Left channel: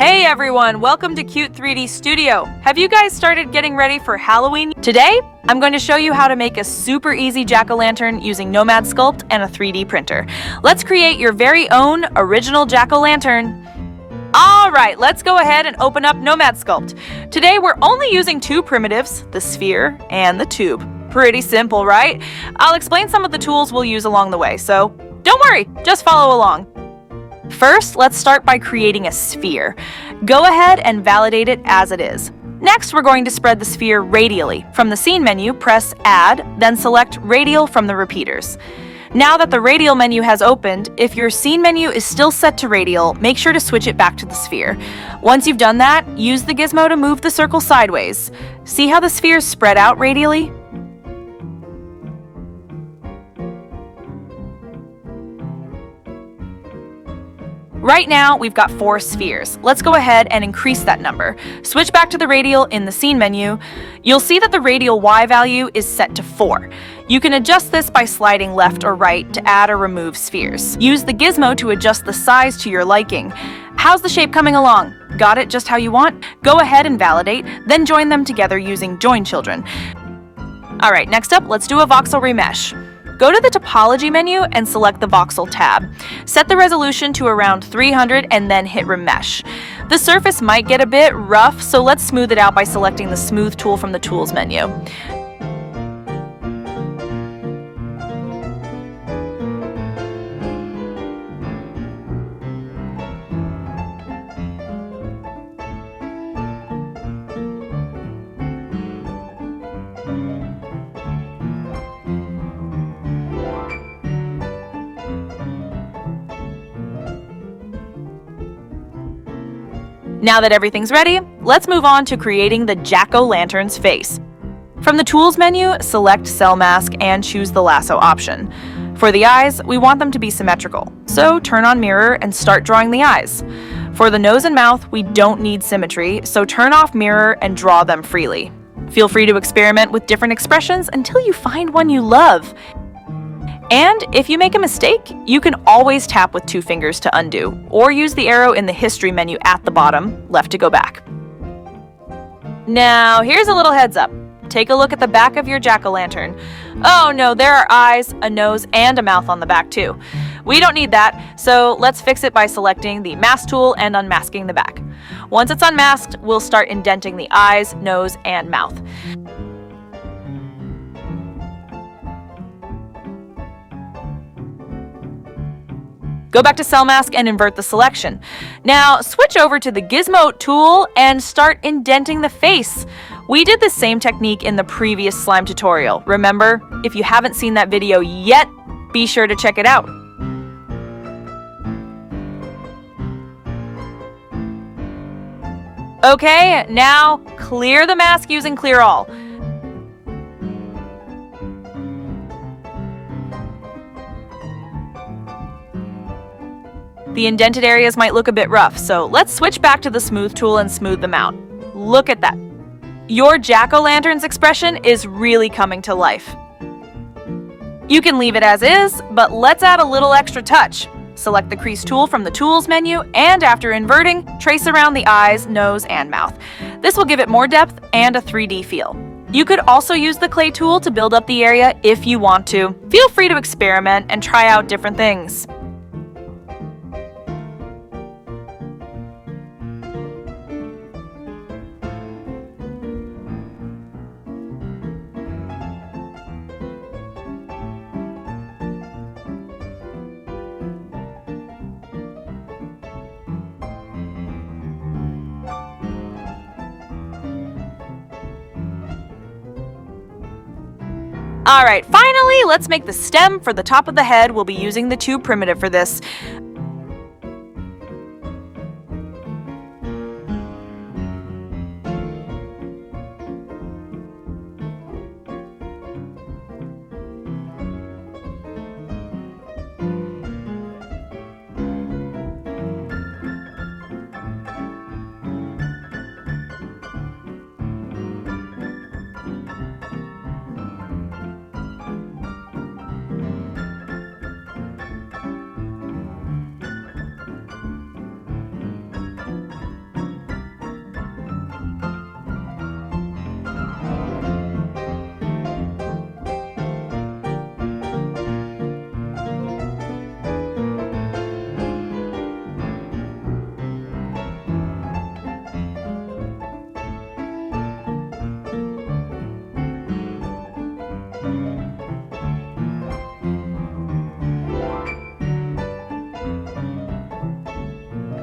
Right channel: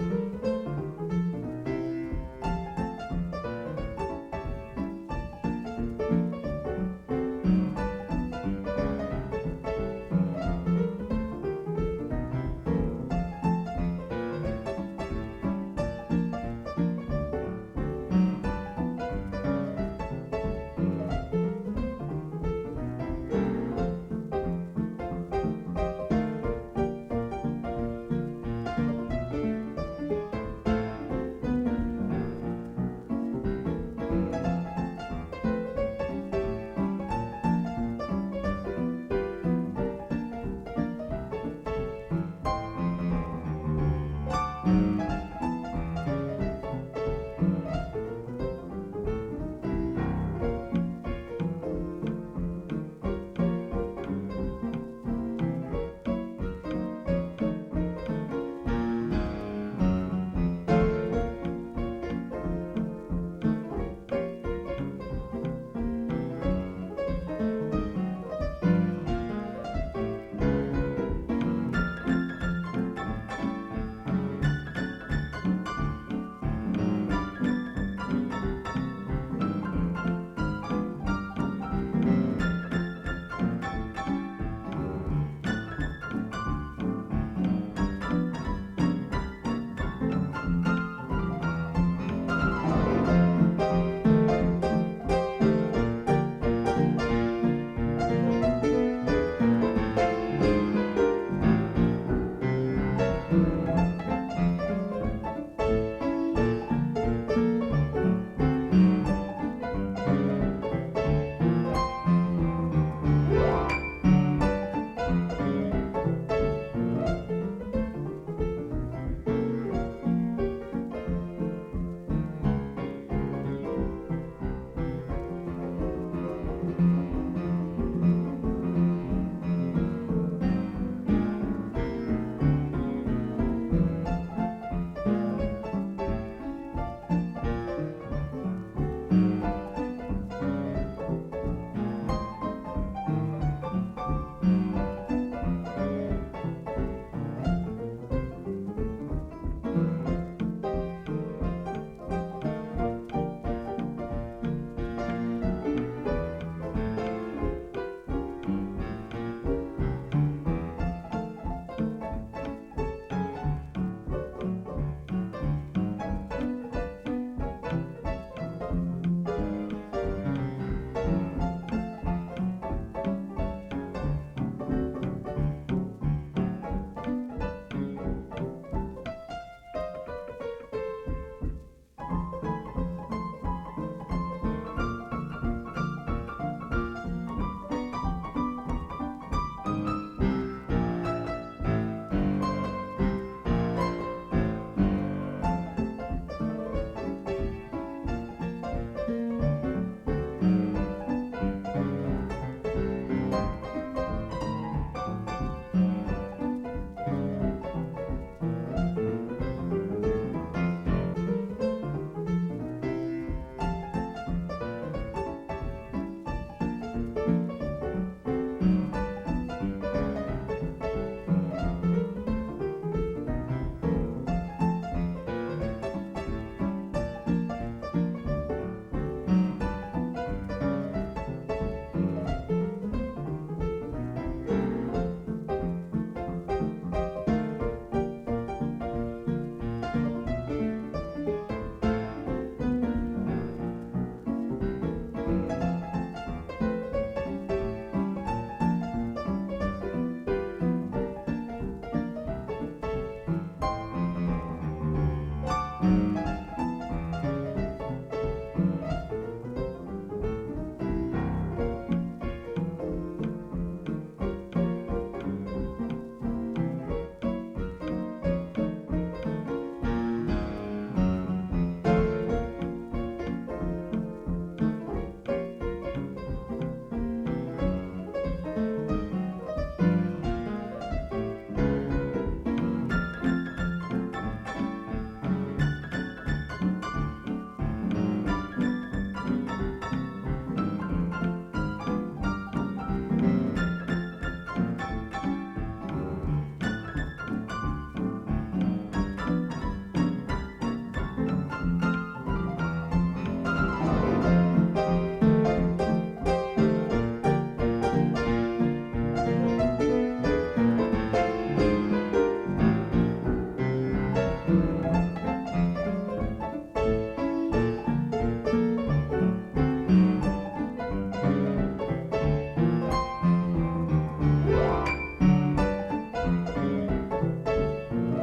Hey everyone, welcome to Cute 3D Studio. Have you guys started getting ready for Halloween? Today, I'm going to show you how to make a super easy jack-o'-lantern using Nomad Sculpt and a 3D printer. Let's create your very own original jack-o'-lantern. Alright, let's go ahead and open up Nomad Sculpt. Today we're only using two primitives, the sphere and the tube. Pretty simple, right? I'll explain some of the tools we'll use along the way, so don't worry, just follow along. First, let's start by creating a sphere. Go ahead and validate it as it is. Next, we're going to spread the sphere radially. From the Scene menu, press Add, then select Radial from the repeaters. Now that the Radial menu has opened, if your Scene menu is still set to Radial, make sure to switch it back to the sphere. Once you've done that, use the gizmo to move the circle sideways. See how the sphere is spread out radially? Right now, we've got 4 spheres. Let's go ahead and increase that number. Switch back to the radial in the Scene menu. You'll see that the radial Y value is set to 4. You can adjust this by sliding left or right to add or remove spheres. Use the gizmo to adjust the size to your liking. How's the shape coming along? Got it just how you want? Go ahead and validate, then join them together using Join Children. Alright, next up, let's do a voxel remesh. Go to the Topology menu and select the Voxel tab. Set the resolution to around 300 and then hit Remesh. The surface might get a bit rough, so let's smooth it out by selecting the Smooth tool from the Tools menu. Now that everything's ready, let's move on to creating the jack-o'-lantern's face. From the Tools menu, select Cell Mask and choose the lasso option. For the eyes, we want them to be symmetrical, so turn on Mirror and start drawing the eyes. For the nose and mouth, we don't need symmetry, so turn off Mirror and draw them freely. Feel free to experiment with different expressions until you find one you love. And if you make a mistake, you can always tap with 2 fingers to undo, or use the arrow in the History menu at the bottom, left to go back. Now, here's a little heads up. Take a look at the back of your jack-o'-lantern. Oh no, there are eyes, a nose, and a mouth on the back too. We don't need that, so let's fix it by selecting the Mask tool and unmasking the back. Once it's unmasked, we'll start indenting the eyes, nose, and mouth. Go back to Cell Mask and invert the selection. Now, switch over to the Gizmo tool and start indenting the face. We did the same technique in the previous slime tutorial. Remember, if you haven't seen that video yet, be sure to check it out. Okay, now clear the mask using Clear All. The indented areas might look a bit rough, so let's switch back to the Smooth tool and smooth them out. Look at that. Your jack-o'-lantern's expression is really coming to life. You can leave it as is, but let's add a little extra touch. Select the Crease tool from the Tools menu, and after inverting, trace around the eyes, nose, and mouth. This will give it more depth and a 3D feel. You could also use the Clay tool to build up the area if you want to. Feel free to experiment and try out different things. Alright, finally, let's make the stem for the top of the head. We'll be using the tube primitive for this.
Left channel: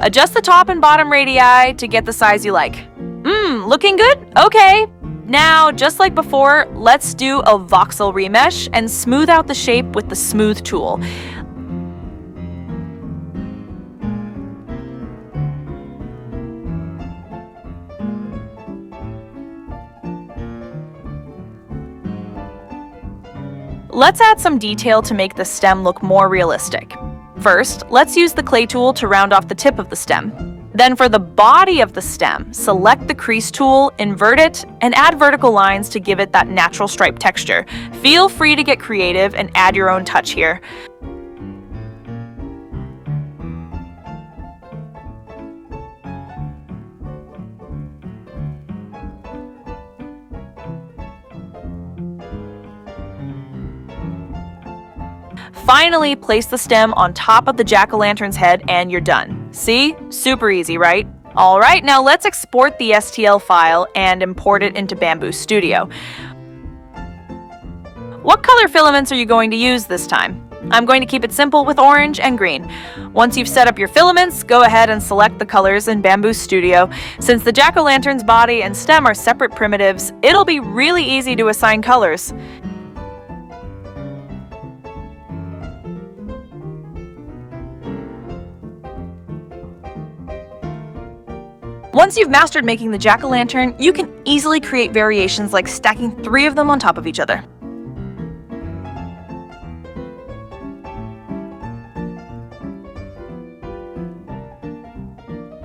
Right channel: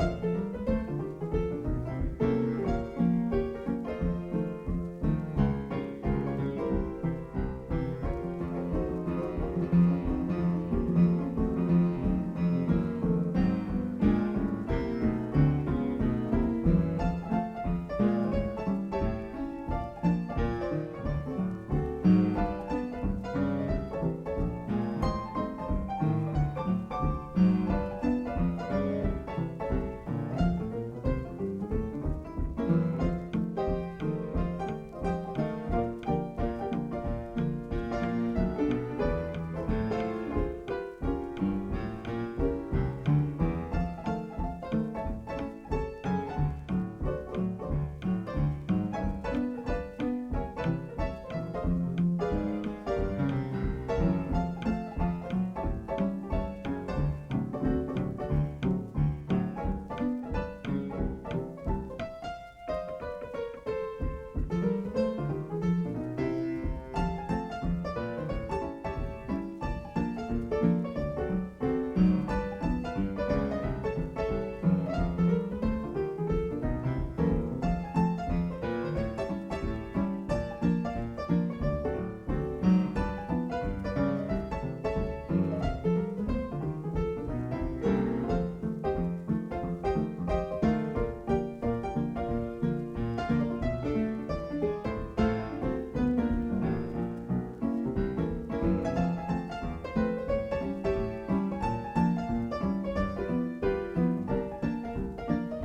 Adjust the top and bottom radii to get the size you like. Looking good? Okay. Now, just like before, let's do a voxel remesh and smooth out the shape with the smooth tool. Let's add some detail to make the stem look more realistic. First, let's use the clay tool to round off the tip of the stem. Then for the body of the stem, select the crease tool, invert it, and add vertical lines to give it that natural stripe texture. Feel free to get creative and add your own touch here. Finally, place the stem on top of the jack-o'-lantern's head and you're done. See? Super easy, right? Alright, now let's export the STL file and import it into Bamboo Studio. What color filaments are you going to use this time? I'm going to keep it simple with orange and green. Once you've set up your filaments, go ahead and select the colors in Bamboo Studio. Since the jack-o'-lantern's body and stem are separate primitives, it'll be really easy to assign colors. Once you've mastered making the jack-o'-lantern, you can easily create variations like stacking 3 of them on top of each other.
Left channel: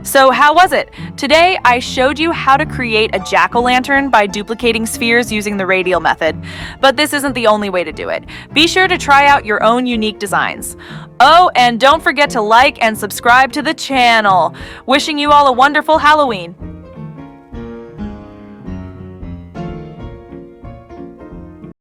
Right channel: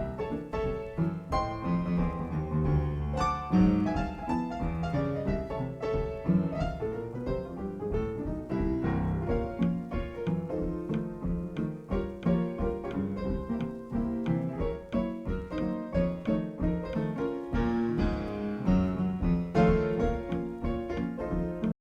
So how was it? Today I showed you how to create a jack-o'-lantern by duplicating spheres using the radial method. But this isn't the only way to do it. Be sure to try out your own unique designs. Oh, and don't forget to like and subscribe to the channel. Wishing you all a wonderful Halloween.